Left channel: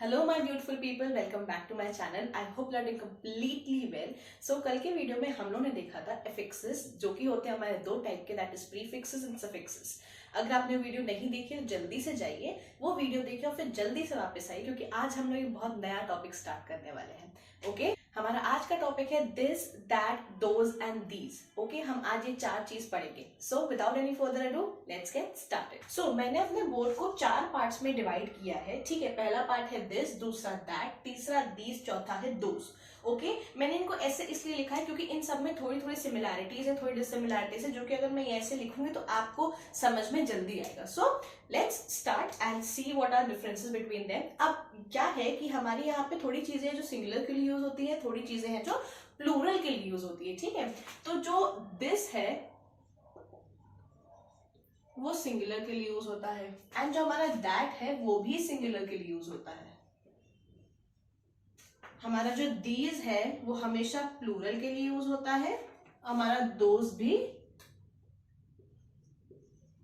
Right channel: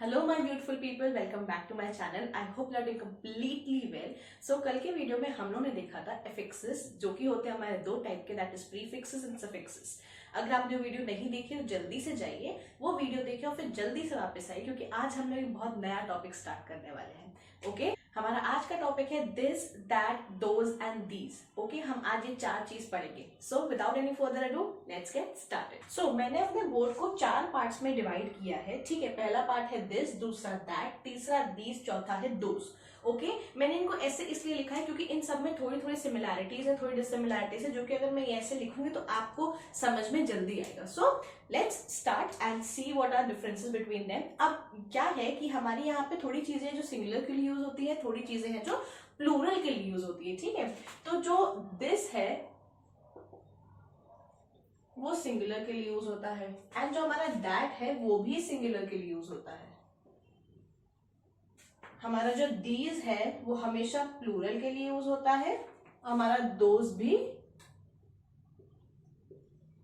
Hello my beautiful people, welcome back to my channel. I hope you are doing completely well. So कल के video में हम लोगों ने देखा था एफिक्सेस, जो कि होते हैं हमारे दो टाइप के, that is prefixes and suffixes. अगर आपने वीडियो नहीं देखी तो जल्दी से जाइए वो वीडियो देखिए और फिर जल्दी से वापस आइए, क्योंकि आज हम लोग एक बहुत नया टॉपिक स्टार्ट करने वाले हैं। ओके हमारा आज का टॉपिक है this, that, those and these. Okay हम आज ये चार चीज पढ़ेंगे। So without any further ado let's get started. So मैंने अपने बोर्ड को चार पार्ट्स में डिवाइड किया है। ठीक है, पहला पार्ट है दिस, दूसरा दैट, तीसरा दीज, चौथा है दोज। ओके मैंने इनको ऐसे इसलिए लिखा है क्योंकि इन सब में थोड़ी थोड़ी सिमिलैरिटीज है, थोड़ी डिसिमिलैरिटीज है, जो कि अगर मैं ऐसे लिखूंगी तो आपको समझ में जल्दी आएगा। So let's start and see what are differences between them. अब क्या है कि हमारी यहाँ पे थोड़ी चीजें जो सिंगुलर के लिए यूज होती है, थोड़ी चीजें हैं जो प्लूरल के लिए यूज होती है। ठीक है, तो जो दिस है वो सिंगुलर के लिए यूज होता है, एंड जो हमारा दैट है वो भी सिंगुलर के लिए यूज होता है। हमारा जो दीज है वो हमेशा प्लूरल के लिए यूज होता है, हमारा दोज भी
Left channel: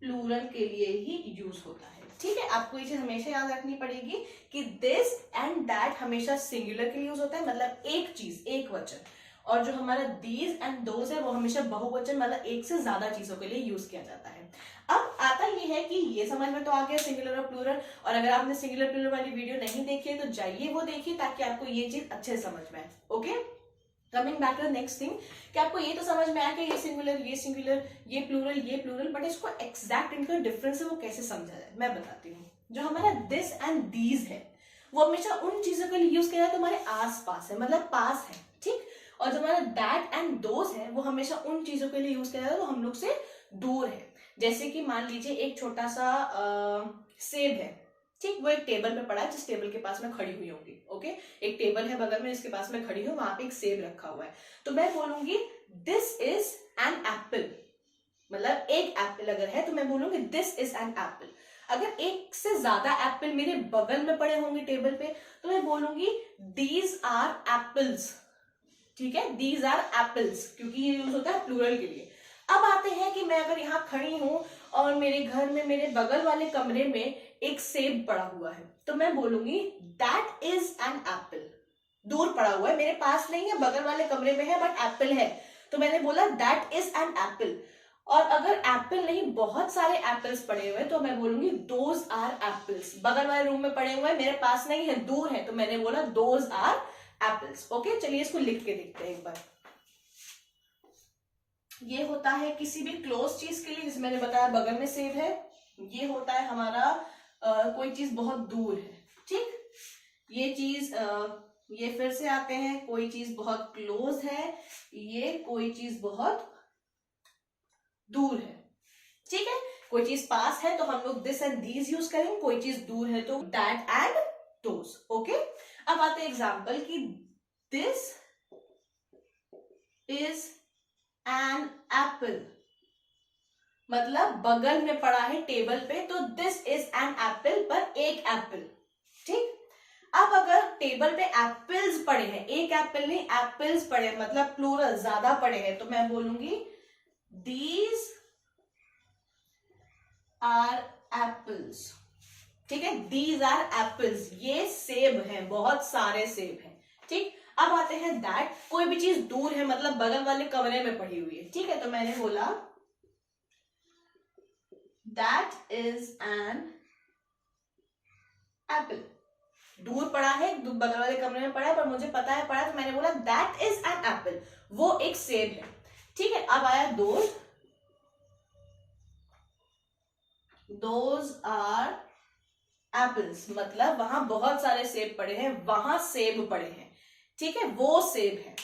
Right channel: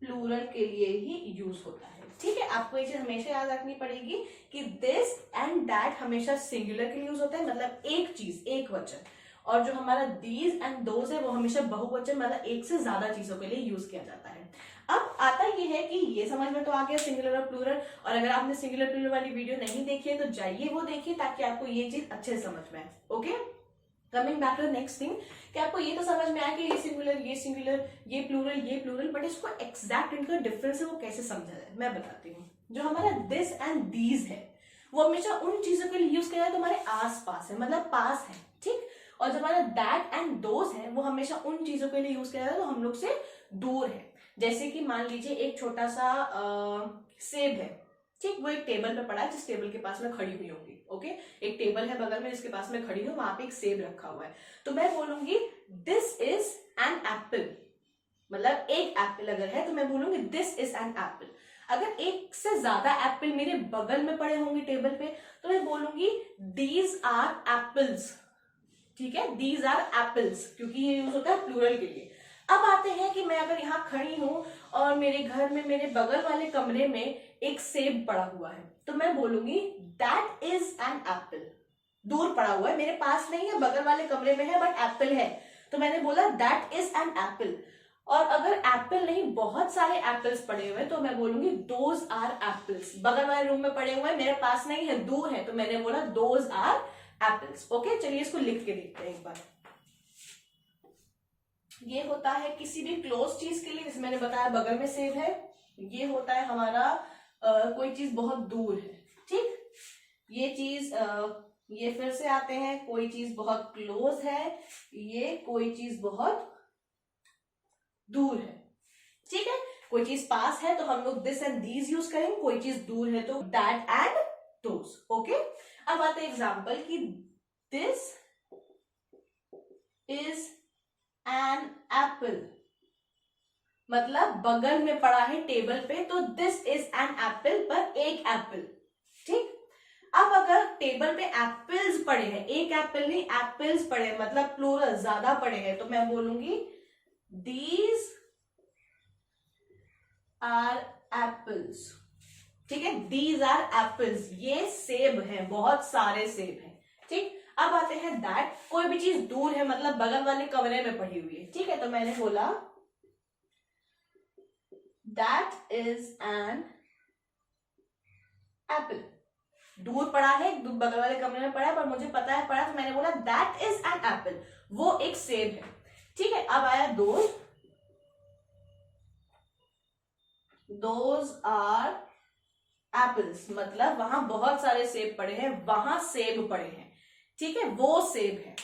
प्लूरल के लिए ही यूज होता है। ठीक है, आपको ये चीज हमेशा याद रखनी पड़ेगी कि दिस एंड दैट हमेशा सिंगुलर के लिए यूज होता है, मतलब एक चीज, एक वचन, और जो हमारा दीज एंड दोज है वो हमेशा बहुवचन, मतलब एक से ज्यादा चीजों के लिए यूज किया जाता है। अब आता ये है कि ये समझ में तो आ गया सिंगुलर और प्लूरल, और अगर आपने सिंगुलर प्लूरल वाली वीडियो नहीं देखी है तो जाइए वो देखिए ताकि आपको ये चीज अच्छे से समझ में आए। Okay coming back to next thing, कि आपको ये तो समझ में आया कि ये सिंगुलर, ये प्लूरल, बट इसको एग्जैक्ट इनका डिफरेंस है वो कैसे समझा जाए मैं बताती हूँ। जो हमारा दिस एंड दीज है वो हमेशा उन चीजों के लिए यूज किया जाता है तुम्हारे आस पास है, मतलब पास है। ठीक, और जो हमारा दैट एंड दोज है वो हमेशा उन चीजों के लिए यूज किया जाता है जो हम लोग से दूर है। जैसे कि मान लीजिए एक छोटा सा सेब है, ठीक, वो एक टेबल पे पड़ा है जिस टेबल के पास में खड़ी हुई होंगी। ओके एक टेबल है बगल में, इसके पास में खड़ी हूं, वहां पे एक सेब रखा हुआ है, तो मैं बोलूंगी दिस इज एन एप्पल। मतलब एक एप्पल अगर है तो मैं बोलूंगी दिस इज एन एप्पल। अगर एक से ज्यादा एप्पल मेरे बगल में पड़े होंगे टेबल पे तो मैं बोलूंगी दीज आर एप्पल्स। ठीक है, दीज आर एप्पल्स, क्योंकि ये यूज होता है प्लूरल के लिए। अब आते हैं कि मैं अगर यहाँ खड़ी हूं और मेरे घर में मेरे बगल वाले कमरे में एक सेब पड़ा हुआ है तो मैं बोलूंगी दैट इज एन एप्पल। दूर पड़ा हुआ है, मेरे पास नहीं है, बगल वाले कमरे में है, बट एप्पल है, तो मैंने बोला दैट इज एन एप्पल। और अगर एप्पल नहीं बहुत सारे एप्पल्स पड़े हुए तो मैं बोलूंगी दोज आर एप्पल्स। बगल वाले रूम में पड़े हुए हैं, मेरे पास नहीं है, दूर है, तो मैंने बोला दोज आर एप्पल्स। ओके चलिए इसको लिख के देखते हैं एक बार। ये होता है किसी भी क्लोज चीज के लिए, जैसे मैंने बताया बगल में सेब है। ये होता है हमारा कोई चीज बहुत दूर है। ठीक, ये चीज ये फिर से आते हैं, कोई चीज बहुत क्लोज है, ये कोई चीज बहुत दूर है। ठीक है, कोई चीज पास है तो हम लोग दिस एंड दीज यूज करेंगे, कोई चीज दूर है तो दैट एंड दोस। ओके अब आते हैं एग्जाम्पल कि दिस इज एन एप्पल, मतलब बगल में पड़ा है टेबल पे, तो दिस इज एन एप्पल, पर एक एप्पल। ठीक, अब अगर टेबल पे एप्पल्स पड़े हैं, एक एप्पल नहीं एप्पल्स पड़े हैं, मतलब प्लूरल ज्यादा पड़े हैं, तो मैं बोलूंगी दीज आर एप्पल्स। ठीक है, दीज आर एप्पल्स, ये सेब हैं, बहुत सारे सेब हैं। ठीक, अब आते हैं दैट, कोई भी चीज दूर है, मतलब बगल वाले कमरे में पड़ी हुई है। ठीक है, तो मैंने बोला दैट इज एन एप्पल। दूर पड़ा है, बगल वाले कमरे में पड़ा है, पर मुझे पता है पड़ा, तो मैंने बोला दैट इज एन एप्पल, वो एक सेब है। ठीक है, अब आया दोज आर एप्पल्स, मतलब वहां बहुत सारे सेब पड़े हैं, वहां सेब पड़े हैं। ठीक है, वो सेब है।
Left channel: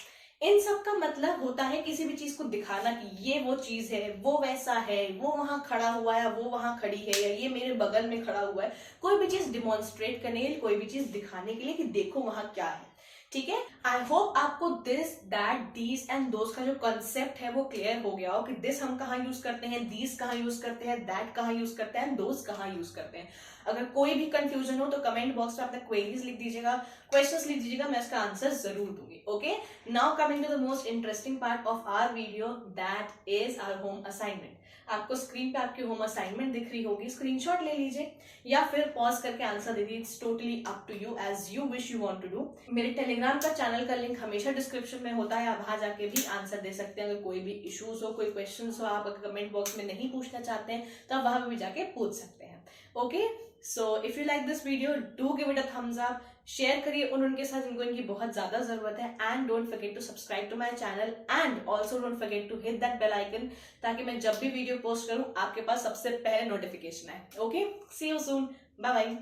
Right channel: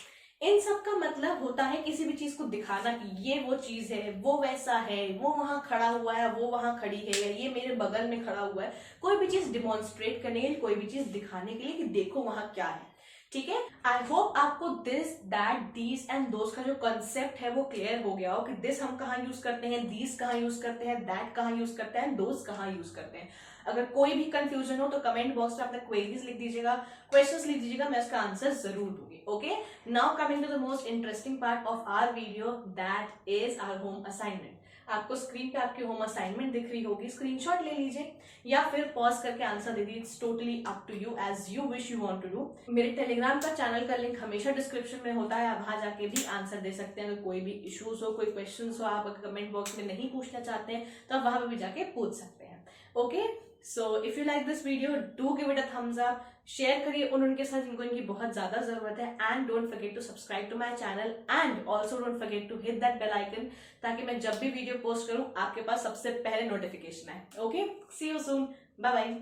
इन सब का मतलब होता है किसी भी चीज को दिखाना कि ये वो चीज है, वो वैसा है, वो वहां खड़ा हुआ है, वो वहां खड़ी है, या ये मेरे बगल में खड़ा हुआ है। कोई भी चीज डिमॉन्स्ट्रेट करने के लिए, कोई भी चीज दिखाने के लिए कि देखो वहां क्या है। ठीक है, आई होप आपको this, that, these and those का जो कॉन्सेप्ट है वो क्लियर हो गया हो कि दिस हम कहाँ यूज करते हैं, दीज कहाँ यूज करते हैं, दैट कहाँ यूज करते हैं, दोस कहाँ यूज करते हैं। अगर कोई भी कंफ्यूजन हो तो कमेंट बॉक्स में अपने क्वेरीज लिख दीजिएगा, क्वेश्चंस लिख दीजिएगा, मैं इसका आंसर जरूर दूंगी। Okay now coming to the most interesting part of our video, that is our home assignment. आपको स्क्रीन पे आपकी होम असाइनमेंट दिख रही होगी, स्क्रीनशॉट ले लीजिए या फिर पॉज करके आंसर दे दीजिए। It's totally up to you, as you wish you want to do. मेरे टेलीग्राम का चैनल का लिंक हमेशा डिस्क्रिप्शन में होता है, आप वहां जाके भी आंसर दे सकते हैं। अगर कोई भी इश्यूज हो, कोई क्वेश्चन हो, आप अगर कमेंट बॉक्स में नहीं पूछना चाहते हैं तो आप वहां पर भी जाके पूछ सकते हैं। Okay, so if you like this video, do give it a thumbs up, share करिए उनके साथ जिनको इनकी बहुत ज्यादा जरूरत है, and don't forget to subscribe to my channel, and also don't forget to hit that bell icon, ताकि मैं जब भी वीडियो पोस्ट करूं आपके पास सबसे पहले नोटिफिकेशन आए। Okay, see you soon, bye bye.